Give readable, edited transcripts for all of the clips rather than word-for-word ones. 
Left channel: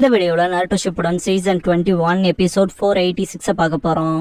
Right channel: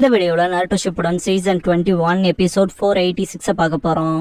இந்த வீடியோல நாருட்டோ Shippuden season 21 episode 486 பார்க்க போறோம்.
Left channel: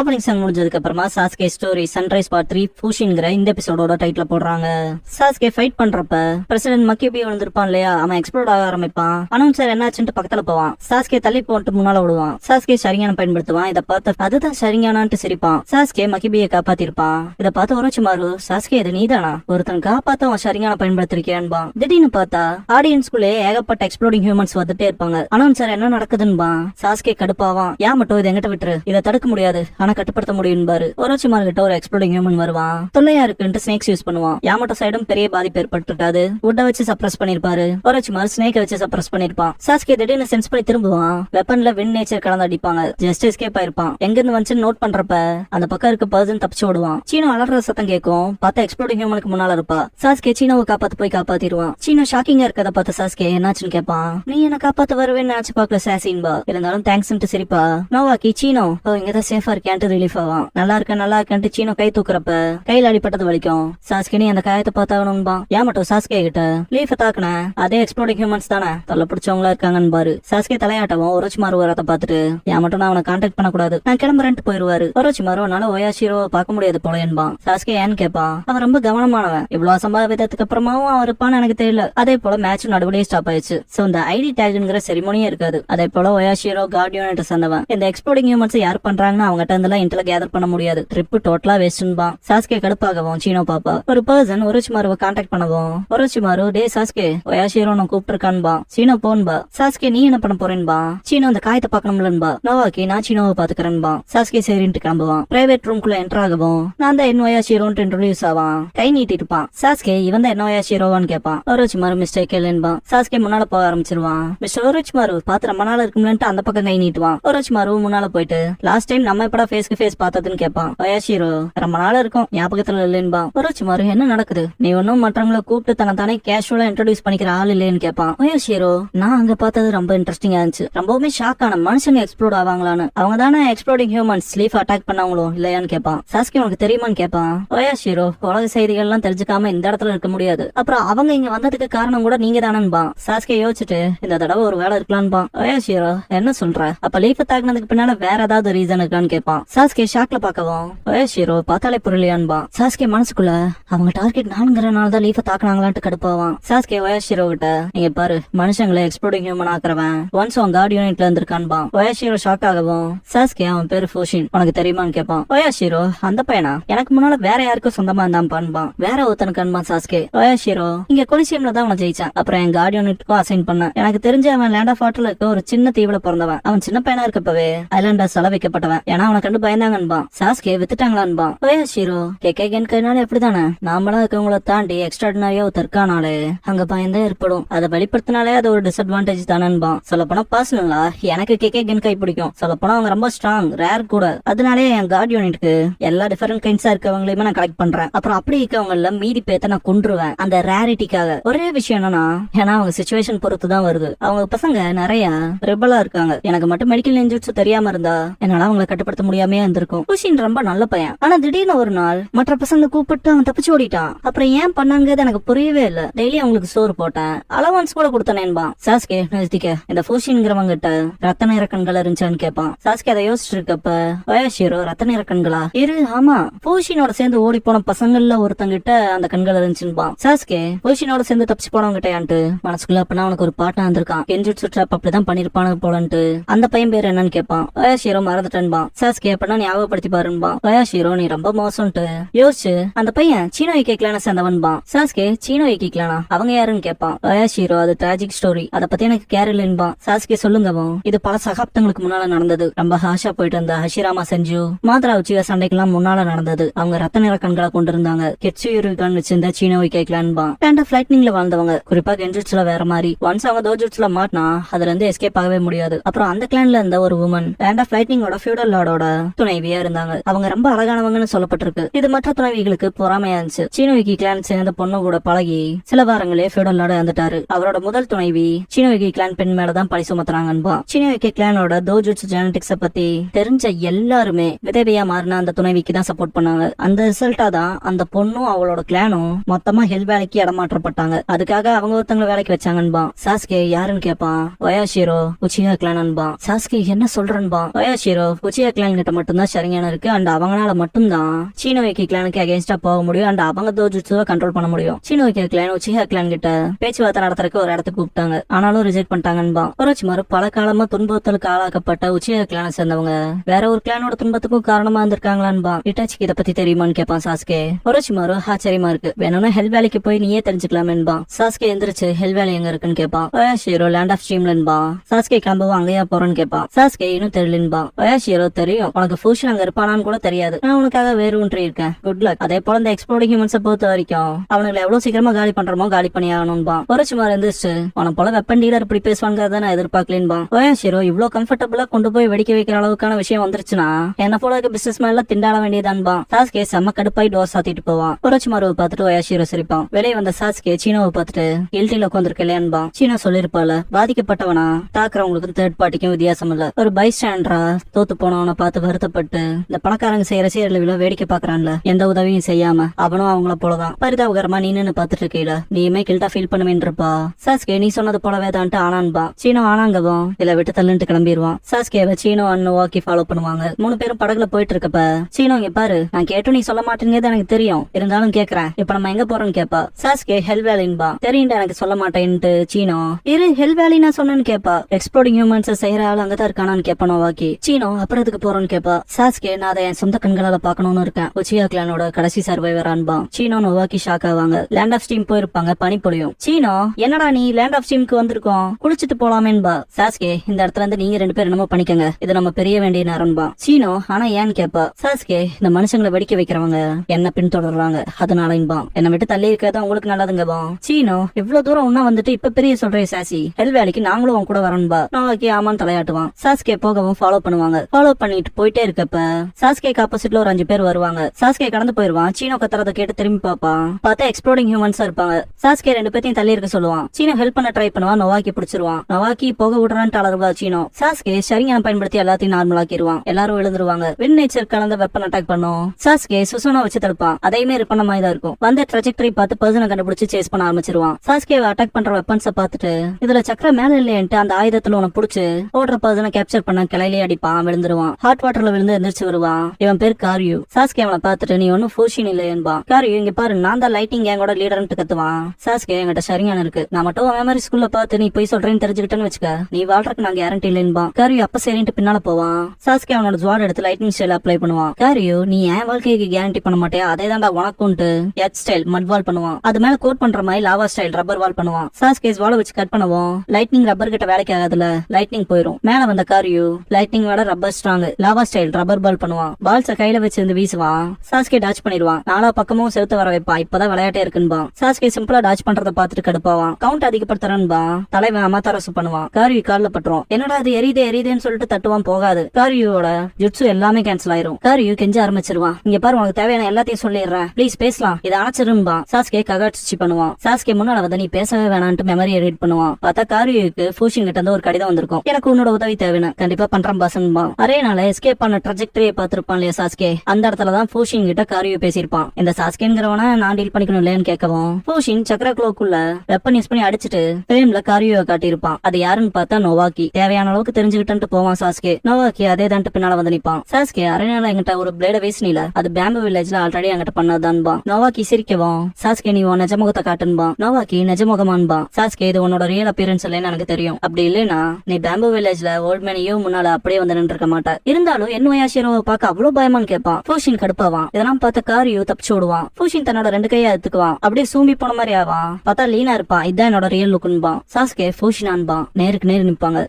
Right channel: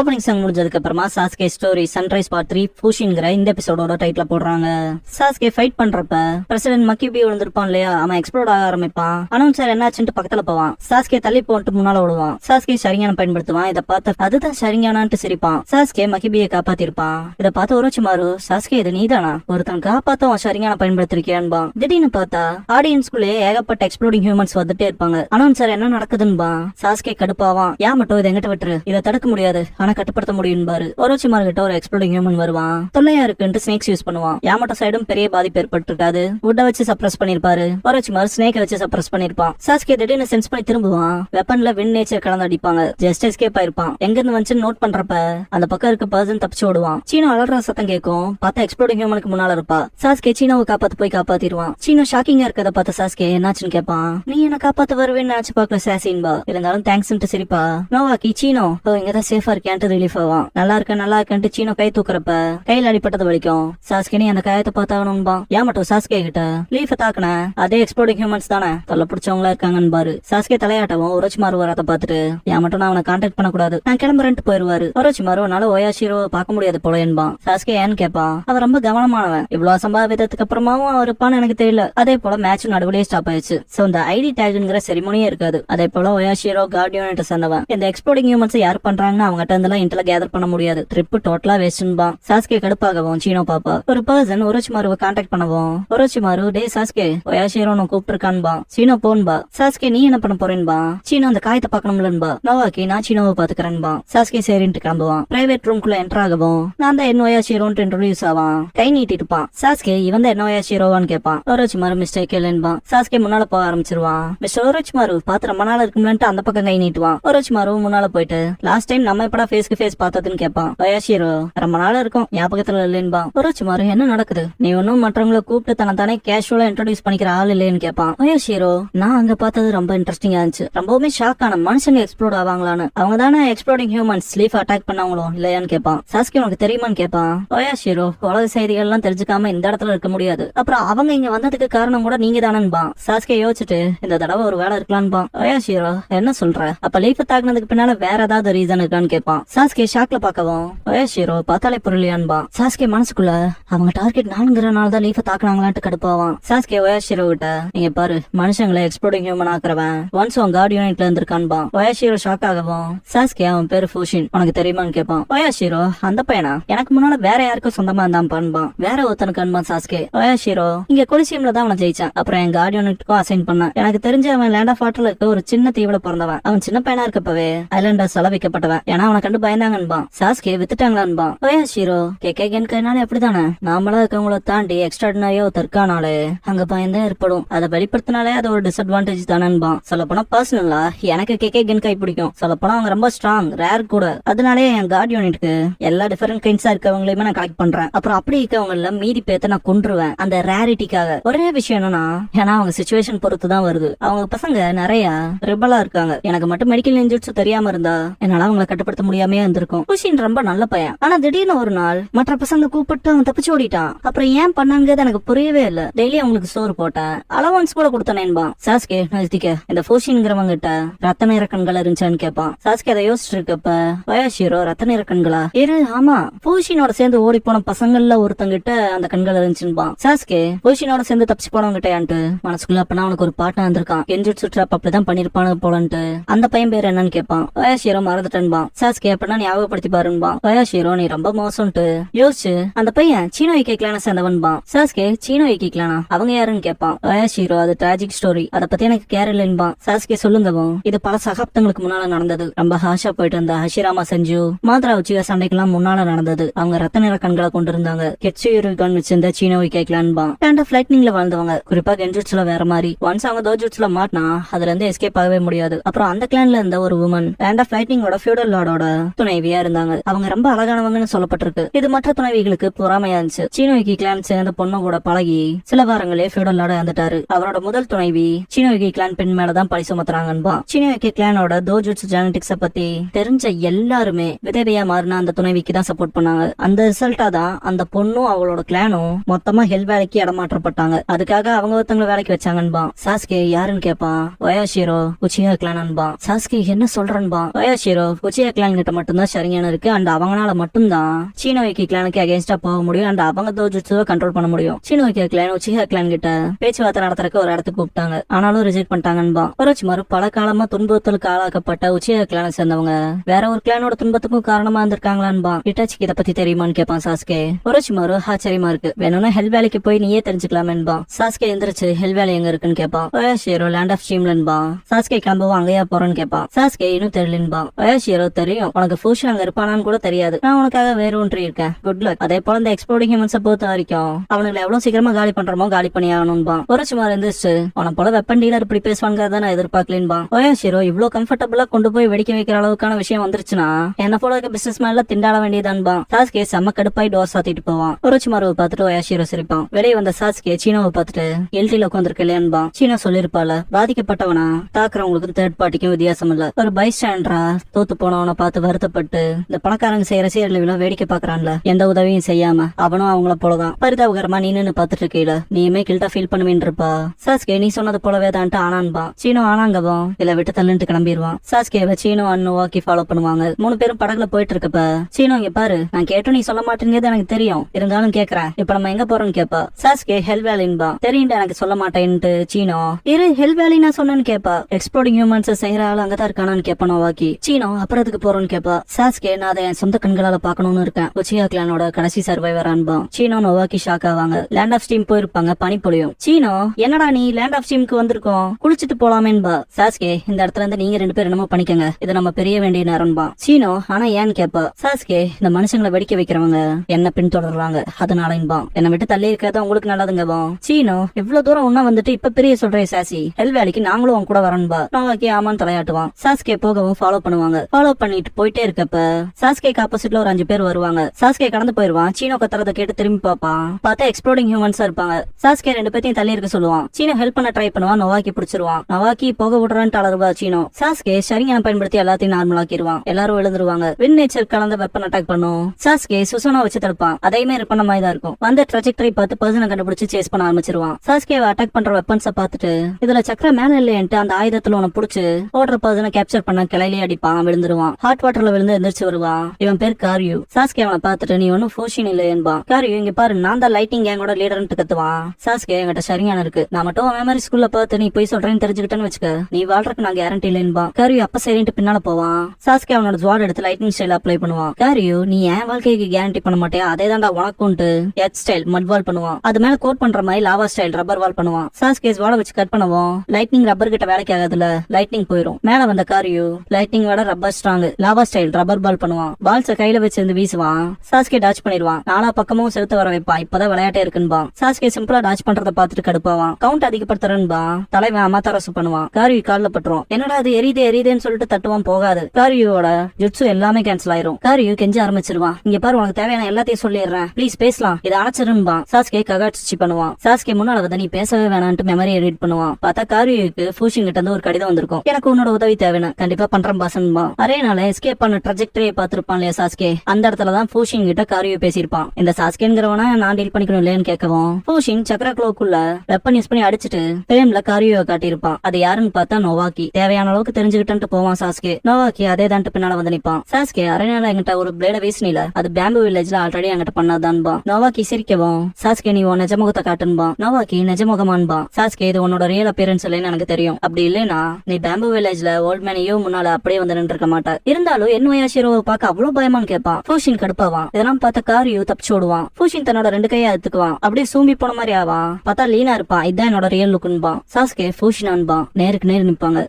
ஓபனிங் சாங் முடிஞ்சதுக்கு அப்புறமா சாஸ்கே ஸ்டோரி சன்ரைஸ் பார்ட் 3 பூஷின்ங்கிற இந்த எபிசோடோட டைட்டில் போடுறாங்க. சாஸ்கே ஃபைட் பண்றப்ப பிரசிடென்ட் மக்கிபி விழுந்திருப்பான் இல்லையா, அவன் எக்ஸ்ப்ளோட் ஆக ஆரம்பிப்பான். அனௌன்சர் என்னாச்சுன்னு பக்கத்துல போவான். சாஸ்கே தள்ளி போட்டு முன்னால விடுவான். சாஸ்கே ஷரிங்கான பயன்படுத்துவான். இதை பார்த்து அதுதான் ஷரிங்கானான்ட்டு சிரிப்பான். சாஸ்கே மக்கிபியை காப்பாத்திருப்பான். இதை பார்த்து உரோச்சிமாரு, சாஸ்கே இது நீதானா, ஒருத்தன் காப்பாத்தவன் ஷரிங்கான பயன்படுத்திருக்கியான்பா. திடீர்னு பார்த்தா ஆடியன்ஸ்குள்ளே ஏகப்பட்ட எக்ஸ்ப்ளோடிங் ஹியூமன்ஸ் வந்துட்டே இருப்பாங்க. அனௌன்சர் என்ன நடக்குதுன்பா. சாஸ்கே கடுப்பாவான். ஏன் மட்டும் இதை எங்கிட்ட விட்டுரு, இதை தடுக்க முடியாது, கட்டுப்படுத்த முடியும் பாரு. ஒரோச்சிமாரு கிட்ட ஒரு எக்ஸ்ப்ளோடிங் ஹியூமன் வருவான். தொல்லையா இருக்குன்னு ஸ்னேக்ஸ் யூஸ் பண்ணுவான். யாமட்டோ சைடும் பெரிய பாதிப்பு ஏற்பட்டிருக்காது. வுட்ட வச்சு சப்ரஸ் பண்ணிருப்பாரு. ஒரோச்சிமாரு ஸ்னேக்கை வச்சு சப்ரஸ் பண்ணிருப்பான். சாஸ்கே திடீர்னு சென்ஸ் பண்ணி திரும்புவான். வெப்பன்ல வின் நேச்சர் கலந்து அடிப்பாங்க. ஜஸ்ட் எஸ்கேப் ஆயிருப்பான். எங்க இருந்து வந்து நோட் பண்றப்ப அந்த பக்கம் இருக்க பர்சன் தப்பிச்சு ஓடுவான். சீனோ அலற சத்தம் கேட்கும். பார்த்தா எக்ஸ்ப்ளோடிங் ஹியூமனுக்கு முன்னால இருப்பா. சாஸ்கே சீனோவை காப்பாத்திடுவான். சீனோ ஷாக்கிங்கா இருக்கத பார்த்த சாஸ்கே என்னாச்சுன்னு கேட்பான். நீ என்ன காப்பாத்த வருவேன்னு ஆச்சு பாக்கல சாசின்பா. இருந்தாலும் தேங்க்ஸ் சிரிப்பா. நோவாக்கி சீனோ இங்கதான் சேஃபா இருக்கேன் ரிலீஃப் ஆவான். நல்லா இருக்கேன்ட்டு சீனோ கை தூக்குறப்ப கையில அடிப்பட்டது வலிக்கும். சாஸ்கே நீ அந்த காயத்தை பார்த்தாகணும்பா. ஏமாட்டோ சாஸ்கே கிட்ட லீஃப தாக்குன அதே எக்ஸ்ப்ளோடிங் ஹியூமன்ஸ் தானே தொல்லை பிடிச்சவங்களா இருக்காங்கன்னு பாரு. சாஸ்கே தலையாட்டவும் ஒரோச்சிமாரு வரத்தை பார்த்துட்டு ஏமாட்டோ நான் அவனை கான்டாக்ட் பண்ணக்கூடாது, நான் கிளம்புறேன்ட்டு போயிருவாரு. ஒரோச்சிமாரு என்னால ஓயாஷிரோவை பார்க்க முடியாது போல என்பான். சாஸ்கே ஏன்னு கேட்பான். அவன் ரொம்ப கவனமானவன். இவ்வளவு அசம்பாவிதத்துக்கு அப்புறமாவும் அவர் இருப்பான்னு எனக்கு தெரியல. அதே போல மேட்ச் நடுவுலயே ஸ்டாப் ஆயிடுச்சு. சோ இந்த ஐடி டேக்ங்கிற செரிமோனியே இருக்காது. அதே போல ஓயாஷிரோ கார்டியன் சேர்ந்தவன். இந்த எக்ஸ்ப்ளோடிங் ஹியூமன்ஸ் யார் பண்றாங்கன்னு அவங்ககிட்ட இருந்தெல்லாம் இன்டர்ல கேதர் பண்ண முடியாது. ட்ரிப் டோட்டலா வேஸ்ட்பான். சாஸ்கே கடுப்பாகவும் சீனோ பாப்பா ஒரு பர்சன் ஒரோச்சிமாருவை கான்டாக்ட் பண்ணவும் ஒரோச்சிமாரு டே சாஸ்கே ஒயாஷிரோ நான் கூப்பிட்டுருக்கான்பா. சீனோ போன்பா. சாஸ்கே நீ என்ன பண்ண போறேன்பா. சீனோ அந்த காயத்தை பார்க்கணும்லன்பா. நோவாக்கி நான் சீனோவை பாத்துக்கிறேன்பா. சாஸ்கே சரின்ட்டு கிளம்புவான். பிரைவேட் ரூம்குள்ள என்டர் ஆகவும் நான் தான் என்ன ஒயாஷிரோன்ட்டு இன்ட்ரோடியூஸ் ஆவான். கை நீட்டிட்டு இருப்பான். சாஸ்கே இவன் தான் என்ன ஒயாஷிரோவான்னு கேட்பான். ஒரோச்சிமாரு மிஸ்டேக் இல்லன்பா. சாஸ்கே முன்னால போக ஆரம்பிச்சிருவான். மிஸ்டர் ஒரோச்சிமாரு பார்த்து ரொம்ப நாள் இருக்கும்லன்ட்டு அந்த பக்கம் கை நீட்டுவான். ஒரோச்சிமாரு முன்னால போயிட்டு லாஸ்ட் டைம் நம்ம எப்படா ஃபேஸ்க்கு ஃபேஸ் பார்த்ததுன்னு கேட்பான். ஒயாஷிரோ ரொம்ப நாளா இருக்கும் ஞாபகத்துல இல்லைன்பா. ஒரோச்சிமாரு என்ன நடக்குது, நீ ஒன்னும் மற்றவங்களை கூப்பிட்டு தானே கேஷுவலா இன்ட்ரோடியூஸ் பண்ணிக்கிற ஆள் இல்லைன்னு கேட்பான். ஒயாஷிரோ நான் அங்க பார்த்தது ரொம்ப இன்ட்ரெஸ்டிங்கா இருந்துச்சு. ரொம்பவுமே ஷாக் ஆன மனுஷங்க எக்ஸ்ப்ளோட் ஆவாங்களான்னு. அவங்க தானே எக்ஸ்ப்ளோடிங் ஹியூமன்ஸ் லீஃப் அட்டாக் பண்ணவங்களும் இல்லையான்னு கேட்பான். சாஸ்கே உனக்கு தெரியுமான்னு கேட்பான். ஒயாஷிரோ உலக செய்திகள் எல்லாம் தெரிஞ்சுக்காம இந்த இடத்துல இருக்க முடியாது. அப்புறம் அவங்க இங்க வந்ததுக்கு காரணம் கூட நீங்க தானேன்பா. சாஸ்கே யோசிச்சுட்டு இந்த தடவை ஒரு வேலை இருக்கலான்பா. ஒயாஷிரோ என்ன சொல்ற, அப்ப லீஃப் தாக்குனதுக்கு பின்னால வேற ஏதாவது ரீசன் இருக்கான்னு கேட்பான். சாஸ்கே ஷாக்ல பாக்கவும் ஒயாஷிரோ பார்த்தாலே புரியலையான்பா. சாஸ்கே மனசுக்குள்ள அவங்க டார்கெட் நான்கிறனால தான் லீஃப தாக்குனாங்களான்ட்டு கடுப்பாவான். சாஸ்கே ஒயாஷிரோ கிட்ட நீங்க பாரு மனுஷங்களை எக்ஸ்ப்ளோடிங் ஹியூமன் ஆக்குறவன் ஒன்ஸ் அவன் கார்ட் யூனிட்ல இருந்திருக்கான்பா. ஒயாஷிரோ ஷாக் ஆகவும் சாஸ்கே அவன் பேரு பூஷின் உனக்கு தெரியுமான்னு கேட்பான். ஒயாஷிரோ அந்த பையனா, எனக்கு முன்னால வேற யாருக்கும் சொந்தமா இருந்தான் பான்பா. வேற ஒருத்தனுக்கு அன்பான் சாஸ்கே. ஒயாஷிரோ இங்க கொலிசியம்ல தான் அவனை ஜெயிச்சான். அப்புறம் என் கார்ட் யூனிட்க்கும் அசைன் பண்ணான். எனக்கு தெரிஞ்ச அவன் லேண்ட் ஆஃப் வாட்டர்ல இருக்க ஒரு சின்ன தீவுல பிறந்தவன். அவன் சின்ன பையனா இருக்கப்பவே ஐலாண்டர் செல வைக்கப்பட்டவன். ஏன்னா அவனை கண்டு பயந்தாங்கன்பா. சாஸ்கே வித்துட்டாங்களான்பா. ஒயாஷிரோ கேக்கேகேன்கனால எப்படிதானே நாமளா இருக்கவங்கள தாண்டி எக்ஸ்ட்ராடினரியா இருக்கானாலே அங்க பயந்தே ஏற்படும். அதை வெளிப்படுத்தினாலே அது ஒரு டிஸ்அட்வான்டேஜ் தானேன்பா. சொல்ல போனா பர்சனலா எனக்கு கேக்கேகேன்கை பிடிக்கும். சொல்ல போனா அவங்க ரொம்ப ஸ்ட்ராங் ரேர் கூட. அதனாலே என் கார்ட் யூனிட்க்கு எல்லா டிஃபரெண்ட் கைண்ட்ஸா இருக்கவங்களையுமே நான் கலெக்ட் பண்றேன். அப்புறம் அப்படி இருக்கவங்கள மீதி பேத்த நான் கொன்றுவேன் அந்த ரேரிட்டிக்காக. ஒரே விஷயம் என்னன்னா ஏன்னா அவங்க சிச்சுவேஷன் பொறுத்துதான் வருது. அவங்க பசங்க நிறைய ரிபலா இருக்காங்க. எனக்கு மட்டும் மெடிக்கல் இன்ஜெக்ஷன் தெரியாம இருந்தா என்னால அவங்களை கட்டுப்படுத்த முடியாம இருந்திருக்கும். பூஷின் ரொம்ப நல்ல பையன். ஆனா திடீர்னு ஒரு நாள் மற்ற பசங்க கூப்பிட்டு அவன் தப்பிச்சு ஓடிட்டான். அப்புறம் ஏன் பண்ணாங்கிறது எனக்கு புரியவே இல்ல. டெய்லி அவங்களுக்கு சோறு போட்டேன், அலவன்ஸ் கூட கொடுத்தனேன்பா. சாஸ்கே நிறுத்திக்க, இந்த பூஷின்ங்கிறவங்க கிட்ட ரத்த நிற கண்கள் இருந்துச்சான்னு கேட்பான். சாஸ்கே அதை யோசிச்சு இருக்கப்ப ஒயாஷிரோ ரத்த நிற கண்களா இரு, ஆமா பூஷினோட சேர்ந்து ஓடி போன பசங்கள்ல ஒருத்தங்கிட்ட அந்த கண்கள் இருந்துச்சுன்பான். சாஸ்கே பூஷினோட சேர்ந்து தப்பிச்சு போனவங்க கிட்டயான்ட்டு மனசுக்குள்ள அப்பனா அவனுக்கு ஒரு பாட்டு வந்திருக்கான். கெஞ்சுட்சு ட்ராப் அப்படிதான் பண்ணிருப்பானு போலன்ட்டு. அந்த பையன் பேர் என்னன்னு கேட்பான். ஒயாஷிரோ மறந்துட்டேன்பா. சாஸ்கே அப்படின்னா ஞாபகப்படுத்தி பாருன்பா. ஒயாஷிரோ நீ ரொம்ப மோசம்ட்டு யோசிச்சு அந்த பையன் சீனோ இக்கிலான சேர்ந்தவன்பா. சாஸ்கே சீனோ இக்கிலானா அவங்க யாருன்னு கேட்பான். ஒயாஷிரோ அது டிராஜிக் ஸ்டோரி, அதை பத்தி எனக்கு கேர் இல்லைன்பா. சாஸ்கே சொல்லுங்கவும் இது பல சகாப்தங்களுக்கு முன்னால நடந்தது. ரொம்ப ஹாஷா போயிட்டு இருந்த ஹஷிராமா செஞ்சு மாத்ரா உச்சிகா சண்டைக்கெல்லாம் முன்னால நடந்தது. அவங்க ரத்த நிற கண்களை கொண்டு இருந்தாங்க. கெட்சுயுரிகான் வச்சிருந்த சீனோ இக்கிலான்பா. லேண்ட் ஆஃப் லைட்னிங்ல வாழ்ந்தவங்க. குறிப்பா கென்ஜுட்ஸ்ல வேற மாதிரி. ஒன்ஸ் அவங்க தோஜுட்ஸ்ல மாட்டினா அதுல இருந்து எஸ்கேப் ஆகவே முடியாது. அப்புறம் அந்த கிளான்ல இருந்த ஒரு உமன் லேண்ட் ஆஃப் லைட்னிங்கோட ஃபியூடல் லார்டோட துணைவியா இருந்தாங்க. அவங்க ரொம்ப அழகானவங்கன்னு சொல்லப்பட்டிருக்கு. இது மற்ற துணைவிகளுக்கு பொறாமையா இருந்துச்சு. சீனோய்கி கிளான் சேர்ந்த பொண்ணு கூட பழகி சில வாரங்களே ஃபியூடல் நாடு வந்துட்டாரு. அவரோட முதல் துணைவி சீனோய்கி கிளான் பெண் மேலதான் பழி சுமத்துறாங்கன்பா. சீனோய்கி கிளானோட தோஜுட்சு ஜெனடிக்ஸ பத்தி தெரிஞ்ச எல்லாருமே விதவையா மாறின அந்த துணைவிக்கு தான் சப்போர்ட் பண்ணாங்க. அந்த ரிசல்ட்டா தான் அந்த பொண்ணும் அவளோட கிளானும் மொத்தமா ஹெல் வேலைக்கு இடமாற்றப்பட்டாங்க. அதுக்காக அவங்க ஒருத்தவங்க வேலைக்கு வச்சாங்கன்பா. சாஸ்கே யாருன்னு கேப்பான். ஒயாஷிரோ உச்சியா கிளான்பா. சாஸ்கே என்ன சொல்றன்பா. ஒயாஷிரோ உச்சியா கிளான் கிட்ட மட்டும்தான் சரியான இருக்கு. அண்ட் அவங்களால மட்டும்தான் சீனோய்கி கிளானுக்கு அகேன்ஸ்டா போக முடியும். அண்ட் அவங்க தோஜுட்சுவை கண்ட்ரோல் பண்ண முடியும். சீனோய்கி கிளான் உச்சியா கிளான் கிட்ட பேச்சுவார்த்தை நடத்துறதுக்கு ஒரு இடத்துக்கு கூப்பிட்டாங்க. ஆனாலும் ரிஜெக்ட் பண்ணிட்டாங்கன்பா. ஒரோச்சிமாரு பல காலமா துன்புறுத்தலுக்கு ஆளாக்கப்பட்ட உச்சியா கிளானை சேர்ந்தவங்க வேற ஒரு கிளானோட துன்பத்துக்கும் காரணமா இருந்திருக்காங்களான்பா. இட்டாச்சிக்கு இதை பத்தி தெரியுமான்னு கேட்பான் சாஸ்கே. ஒரோச்சிமாரு ஆச்சரியமா இருக்கு. வேணும்னா ஹெல் வேலைக்கு போய் நீயே தெரிஞ்சுக்கலாமேன்பா. சாஸ்கே எந்திரிச்சு ஹெல் வேலை எங்க இருக்குன்னு கேட்பான். ஒயாஷிரோ லேண்ட் ஆஃப் ஸ்ட்ரீம்லன்பா. சாஸ்கே கிளம்பவும் அங்கேயா போறேன்னு கேட்பான். சாஸ்கே இன்னும் தெரியலன்பா. ஒயாஷிரோ தெரியும் உனக்கு ஃபூஷன் அங்க இருப்பானான்னு கூட தெரியாது. நான் உனக்காக வேறு ஒன்று இருக்கேன். Good luck. அதே போல இந்த எக்ஸ்ப்ளோரிங் ஹியூமன்ஸை பொறுத்த வரைக்கும் அவனுங்களை எவ்வளவு சீக்கிரமா காலி பண்றோமோ காலி பண்ணி ஆகணும்பா. ஒரோச்சிமாரு இருந்துச்சு உன போல வெப்பன் டீலர் இப்படி பேசுவாங்க நான் எதிர்பார்க்கலேன்பா. ஒயாஷிரோ இவ்வளவு கம்ஃபர்டபுளா கொண்டு போய் வெடிக்க வைக்கிற அளவுக்கான விஷயம் வந்துருச்சுன்னா என்ன போல பிசினஸ் மேல திண்டாட வேண்டியதான்பா. சாஸ்கே செம்ம கடுப்பாய் டோர் சாத்திட்டு போவான். ஒரோச்சிமாருவை பார்த்துட்டு ஒயாஷிரோ சிரிப்பான். வெளியே வந்த சாஸ்கே சீனோவை பார்த்துட்டு எல்டில உட்காந்துருக்கலையான்பா. சீனோ சொல்லிருப்பால பாதிக்கப்பட்டவனா தாக்குறவங்களுக்கு தேர்ட் பார்ட்டிக்கும் வித்தியாசம் இல்ல. ஒரு பை ஸ்டாண்டரா தோத்து போனவனை பார்த்து வருத்தப்பட்டு இந்த பணக்காரங்க செய்யற சீரழிவுல வேடிக்கை பாக்குறான்ல, எந்த உதவியும் செய்யாம அவனும் அவங்கள போலதான் பரிதாபகரமா நீ நின்னு பாத்துட்டு இருக்கீல, நீயுமே கில்ட்டா ஃபீல் பண்ணுவேன் இருப்பா. சாஸ்கே நீ சொன்னது போலவே தான்ட்டு ஆனான்பா. சீனோ ஆனாங்கவும் இல்ல விட்டு தள்ளிட்டு கிளம்பிடுவான். சாஸ்கேவை சீனோ அண்ணு வாக்கி ஃபாலோ பண்ணுவாங்க. 3 பேரும் படகுல போயிட்டு இருக்கப்ப சீனோ இங்க பாரு நான் கேட்டும் நீ சொல்ல மாட்டேங்கிறது எனக்கு தெரியும், இருந்தாலும் கேக்குறேன் இப்ப நம்ம எங்க போறோம்னு கேப்பா. சாஸ்கே ஹெல் வேலின்பா. தெரியுண்டா எனக்கு சொல்ல மாட்டேன்ட்டு சீனோ இரு ஹெல் வேலி நான் சொன்னேன்னு கேப்பா. எக்ஸ்ப்ளோரிங் ஹியூமன்ஸ் செய்யற ஆள் அங்கதான் இருக்கானான்னு கேப்பானோ வாக்கி. சீனோ அப்புறம் அதுக்கு போறோம்னு கேப்பா. சாஸ்கே நான் அதை என் சொந்த கண்களால பாக்கணும்னு இருக்கேன். உச்சியா கிளானோட கடைசி சர்வைவர் அன்பா. சீனோ நோவாக்கி ஷாக் ஆவாங்க. லேண்ட் ஆஃப் ஸ்டீம் போயிருப்பாங்க, பனி பொழியும். சீனோ என்னடா நீ லேண்ட் ஆஃப் ஸ்டீமுக்கு வந்திருக்கோம், குளிச்சுட்டு போலாமேன்பா. சாஸ்கே இந்த இடத்துல இருந்து நீங்க 2 பேர் என்னமோ பண்ணிக்கங்க, இது நம்ம பெரிய வேண்டிய நேரம்பா. சீனோ ஆனா ஏன்னு கேப்பா. சாஸ்கே இந்த மனுஷங்களை வெடிக்க வைக்கிறவங்க என்ன பின்தொடர்றாங்க அதனாலன்பா. என்னை விட்டு தள்ளி இருக்கிறதா உங்களுக்கு நல்லதுங்கப்பா. சீனோ எவ்வளவு தூரம் ஒன்னா வந்துட்டு இப்ப பெரிய சொல்றே சாசி, ஹெல் வேலைக்கு நாங்களும் உன் கூட வரணும்பா. நோவாக்கி ஆமான்னு தலையாட்டுவான். சாஸ்கே போகவும் ஃபாலோ பண்ணுவாங்க. ஃபாலோ பண்ணிட்டு போயிட்டே இருக்கப்ப சாஸ்கேக்கு ஆப்போசிட்ல ஒரு 5 பேர் வருவாங்க. சாஸ்கே கடந்து போயிருவான். சீனோ கத்துறத கேட்டு திரும்பி பாப்பான். பார்த்தா எக்ஸ்ப்ளோரிங் ஹியூமன்ஸா இருப்பாங்க. சாஸ்கே 2 பேத்தையும் தள்ளி இருக்க சொல்லுவான். சீனோ ஹெல்ப் பண்ண ட்ரை பண்ணுவான். நோவாக்கி பிடிச்சிருவான். நோவாக்கி போக விடுறான்ட்டு அலறுவா சீனோ. சாஸ்கே ஷரிங்கா பயன்படுத்தி எல்லாத்தையும் நார்மல் ஆக்கிடுவான். எல்லாரும் விழுந்துருவாங்க. வின் நேச்சர் கலந்த வெப்பன் அட்டாக் பண்ணும். சாஸ்கே சுசுனா வச்சு தடுப்பான். அதையுமே பண்ண மாதிரி தான் இருக்கும். வந்து ட்ராஜெக்டரி பார்த்து பர்சனை கண்டுபிடிச்சு சேஸ் பண்ண ஆரம்பிச்சிருவான். சாஸ்கேவை அட்டாக் பண்ற வெப்பன்ஸை பார்த்துட்டு இதுல சக்கர மேல இல்லையன்ட்டு அந்த ஆயுதத்துல உன புடிச்சு ஓடுற பர்சனை கேப்சர் பண்ண கிளையிலே அடிப்பான். விழுந்துருவான். ஹாட் வாட்டர்ல விழுந்து எந்திரிச்சு வருவான். இவன் பேர் காரியு. சாஸ்கே அவனை பார்த்துட்டு நீ ஒன்னும் ஃபோஷின் இல்லையன்பா. காரியு இங்க பாரு நான் தான் லைட்டிங் கேங்கோட லீடர்னு கத்துவான். சாஸ்கே என்கிட்ட சரியான இருக்கு, நான் மட்டும் மெமரி ஸ்கூல்ல பார்த்து நீ போய் சொல்றேன்னு தெரிஞ்சுக்கிட்டேன்னு வச்சுக்க, நீ வாழ்றதுக்கு நான் கேரண்டி இல்லைன்பா. காரியு அப்ப சரின்ட்டு பின்னால போவான். சாஸ்கே அவனோட ஜுவாட் எடுத்து லைட்டிங் ஸ்டைல் அப்ளை பண்ணுவான். காரியு நீ என் வாழ்க்கைக்கு கேரண்டி பண்ண மாட்டியா, அதே தான்டா உனக்குண்டு எச் ஸ்டைல் மட் வால் பண்ணுவான். அது மேல கோட் பண்ற மாதிரி லாவா ஸ்டைல் ரப்பர் வால் பண்ணுவான். சாஸ்கே ஜுவாட வச்சு கட் பண்ணவும் லைட்னிங் ரப்பர் கிட்ட வேலைக்கு ஆகாதுல, லைட்னிங் போயிரும். மேல வந்த காரியு லைட்னிங் விட rubber strong lava style rubber ball பண்ணுவான். பால்ஸ கையில வச்சிருந்து வீசுவான். சாஸ்கே டாச் பண்ணிடுவான். 4 பக்கமும் செலுத்த வர வைப்பான். இப்பதான் விளையாட்டே இருக்குன்பா. சாஸ்கே சிம்பிளா டாச் பண்றத பாத்துட்டு கடுப்பாவான். கவுண்ட் அதிகப்படுத்துறன்பா. தலைவன் அமாத்தரசு பண்ணுவான். காரியு கால்ல பட்டுரும். என்னடா அது எரியுதேன்னு சொல்லிட்டு தட்டுவான். போகாது. காரியோட ஜுட்சு எல்லாமே கேன்சல் ஆயிரும். காரியு கெஞ்ச ஆரம்பிச்சிருவான். இங்க பாரு உனக்கு தேவையான எல்லாத்தையும் சொல்லிடுறேன், ப்ளீஸ் பேசலாம், இதை அணைச்சிரும்பா. சாஸ்கே ககாட்சி பண்ணுவான். சாஸ்கே முன்னால வந்து நீ பேசவே வேணான்ட்டு மெமரி எடிட் பண்ணுவான். பார்த்தா காரியுக்கு ஃபூஷின் கிட்ட இருந்து ஒரு கடிதம் வந்திருக்கும். எனக்கு உன்னோட உதவி தேவைன்னு. கண்டிப்பா பண்றேன் பாசன்பா. அரே நாள எஸ்கேப் பண்ண ட்ராஜெக்டரியை பார்த்திருப்பான் இல்லையா சாஸ்கே, அந்த இடத்துலதான் ஃபூஷின் கிட்ட காரியு பேசியிருப்பான். இந்த சாஸ்கேங்கிறவன நான் டீல் பண்ணிக்கணும் இல்லையான்னு கேட்கவும் ஃபூஷின் சக்கர க்ளோக்குள்ள வெப்பன் யூஸ் பண்ணி அடிச்சுட்டு பிரேம்ல காரியோவை காட்டியிருப்பான். அது யாருன்னு பார்த்தா நோவாக்கி. தேவையான அளவுக்கு தெரிஞ்சுக்கிட்டு போவான் சாஸ்கே. நோவாக்கி அதே தான் பின்னால வந்து நிப்பான். சாஸ்கே அரேனால என்கிட்ட ஒரு பிளேட வீசினில, அது பேம்பு வில்லேஜ்ல ஆல்ரெடி என்கிட்ட பண்ணதான்பா. நோவாக்கி சிரிக்கவும் சாஸ்கே நீ உன் நிஜமுகத்தை காட்டுன்பா. நோவாக்கி நிஜமுகமான்பா. சாஸ்கே இது உன்னோட ரியல் அப்பியரன்ஸ் இல்லைன்னு எனக்கு தெரியும், அப்படி இல்லைன்னா நீ பேம்பு வில்லேஜ்ல ஓல்ட் மேனையோ முன்னால அப்படியே வந்து நின்று இருக்க மாட்டா. இருந்தாலும் என்ன யாஷிரோவை பார்க்க அவ்வளவு பயமான்னு கேட்பான். ஃபூஷின் கடுப்பாவான். இதெல்லாம் பார்த்த காரியோ தப்பிச்சு ஓடுவான். ஃபூஷின் தன்னோட 2 கையை எடுத்துக்குவான். அப்படியே சூம்பி போன மாதிரி ஆவான். பார்த்தா லீனா இருப்பான். இதுதான் என்னோட ரியல் லுக்குன்பா. சாஸ்கே ஃபூஷினான்பா. நேருக்கு நேர் நிப்பாங்க.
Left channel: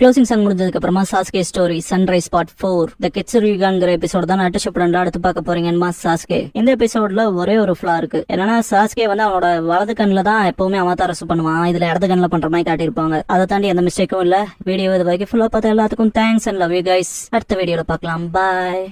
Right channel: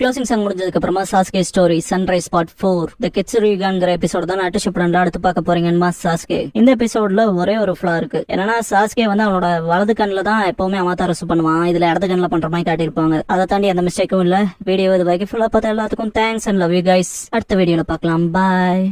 க்ளோசிங் சாங் முடிஞ்சதுக்கு அப்புறமா சாஸ்கே ஸ்டோரி சன்ரைஸ் பார்ட் 4 த கெட்சுரிகான்ங்கிற எபிசோட் தான் நட்டு ஷிப்டன்ல அடுத்து பார்க்க போறீங்கன்னு சாஸ்கே. இந்த எபிசோட்ல ஒரே ஒரு ஃபிளா இருக்கு. என்னன்னா சாஸ்கே வந்து அவனோட வலது கண்ணில் தான் எப்பவுமே அவதாரம் பண்ணுவான். இதுல இடது கண்ணில் பண்ற மாதிரி காட்டியிருப்பாங்க. அதை தாண்டி எந்த மிஸ்டேக்கும் இல்ல. வீடியோ இது வரைக்கும் ஃபுல்லா பார்த்த எல்லாத்துக்கும் thanks and love you guys. அடுத்த வீடியோல பார்க்கலாம். பாய்.